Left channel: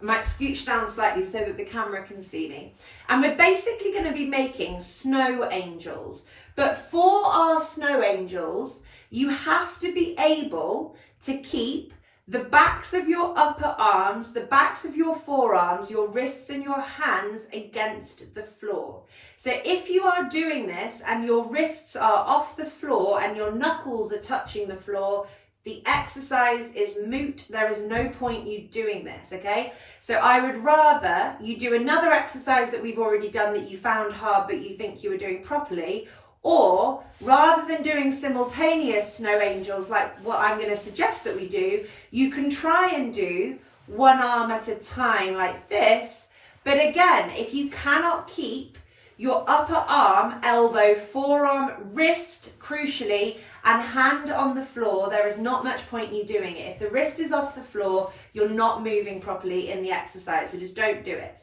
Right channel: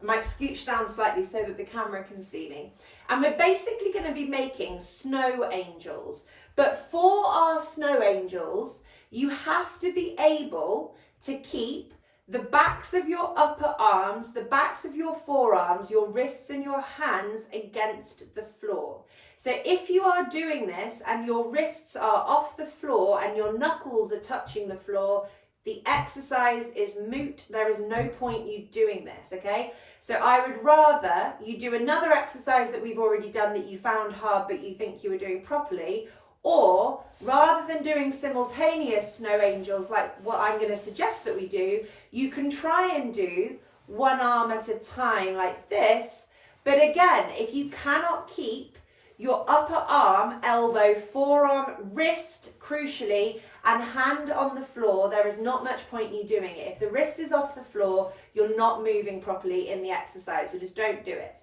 I might scooch down slightly so that the camera can see me. And we're basically going to be making snow angels. But for our snow angels, you have to be able to keep the backs of your upper arms, the backs of your forearms, your wrists and your hands against the floor. So if you are doing this and your wrists are off the floor and your knuckles are touching the floor, the exercise is moot. There is no point you doing this, okay? So I would rather you do another exercise that we've already done that you found hard but you think you were doing properly, or rather than doing simultaneous snow angels like what I'm going to suggest that we do, you can try and do one arm at a time like this. But again, if you cannot keep your upper arm, elbow, forearm, wrist, crucially, and hand on the floor, there is not much point you doing it. If the wrist is off the floor, you're not moving properly in the exercise, so just don't do it.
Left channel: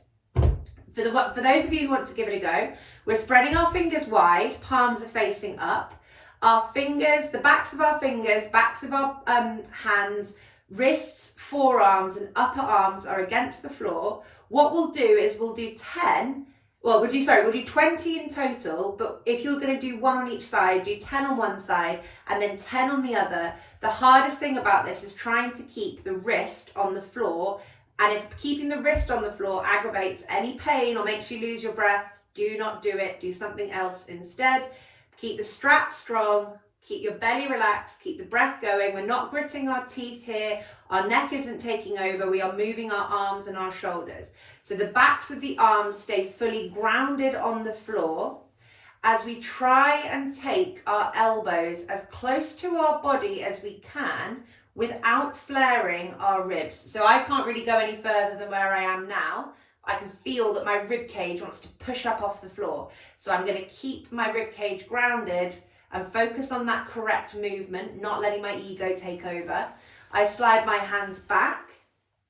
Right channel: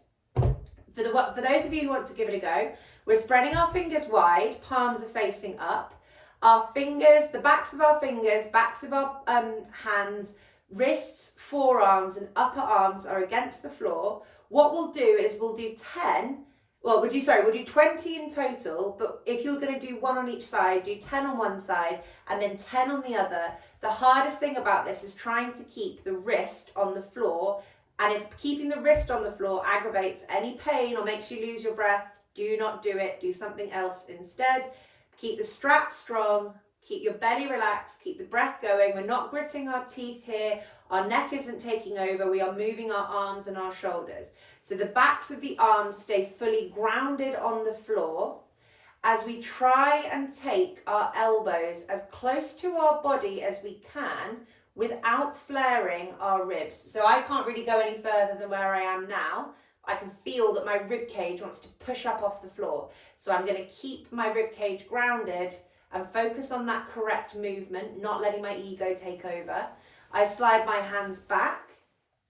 For those of you who want to give it a go, we're spreading our fingers wide, palms are facing up. Our fingers, the backs of our fingers, backs of our hands, wrists, forearms and upper arms are against the floor. What we'll do is we'll do 20 in total, but if you're going to do one on each side, do 10 on one side and then 10 on the other. The hardest thing about this is trying to keep the wrist on the floor, and if keeping the wrist on the floor aggravates any pain or makes you lose your breath, do not do it. Do something else instead. Keep the strap strong, keep your belly relaxed, keep the breath going. We're not gritting our teeth here. Our neck isn't taking over. We are moving our arms and our shoulders. So the backs of the arms stay fully grounded on the floor as we try and take our elbows as close to our body as we can without flaring our ribs. So I can't really go any further than where I am now. I can feel that my rib cage wants to push up off the floor. So I'm going to keep my rib cage grounded and focus on that correct movement, not letting my ego take over. I slide my hands back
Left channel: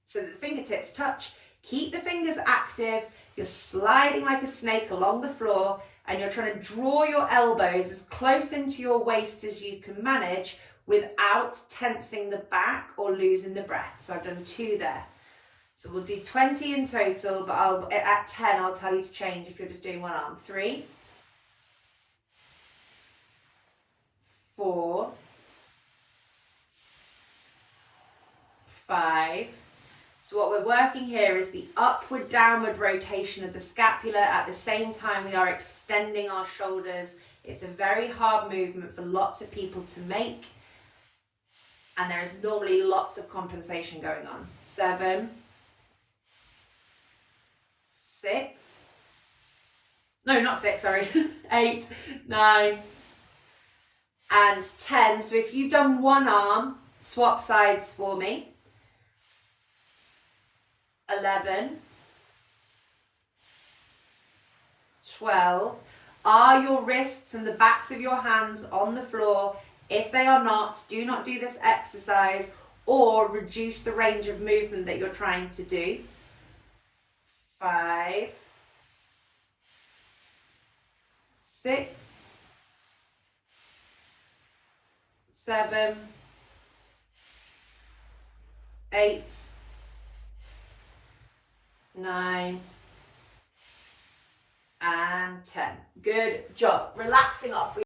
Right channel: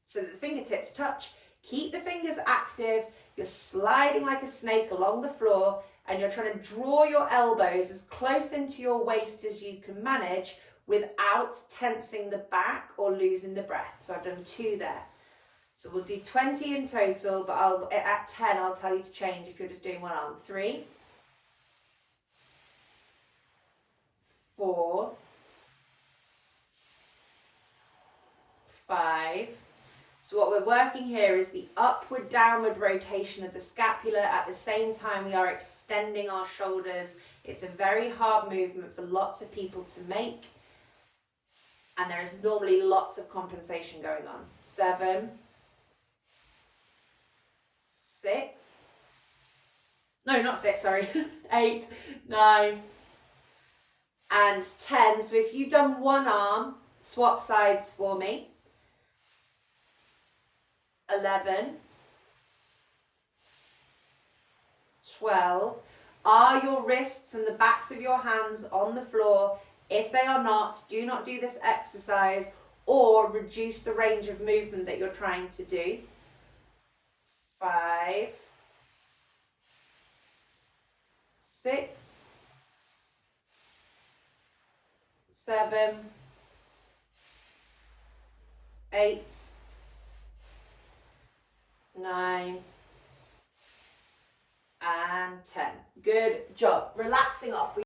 so that the fingertips touch. Keep the fingers active. You're sliding like a snake along the floor and you're trying to draw your elbows as close into your waist as you can manage without tensing the back or losing the breath. So I've done 2 there. So we'll do 20 in total, but at 10 I'll tell you to change if you're just doing one arm. 3, 4, 5. So what we're working here is the upward downward rotation of the scapula. At the same time we are extending our shoulders. It's a very hard movement for lots of people to make, and there is normally lots of compensation going on. 7, 6, no, not 6, sorry, 8, 9, and 10. So if you've done one arm, swap sides for me. 11, 12. Are your wrists and the backs of your hands on the floor? If they are not, do not do this exercise or reduce the range of movement that you're trying to do. 5, 6, 7, 8, 9, and 10. Good job. Relaxing off.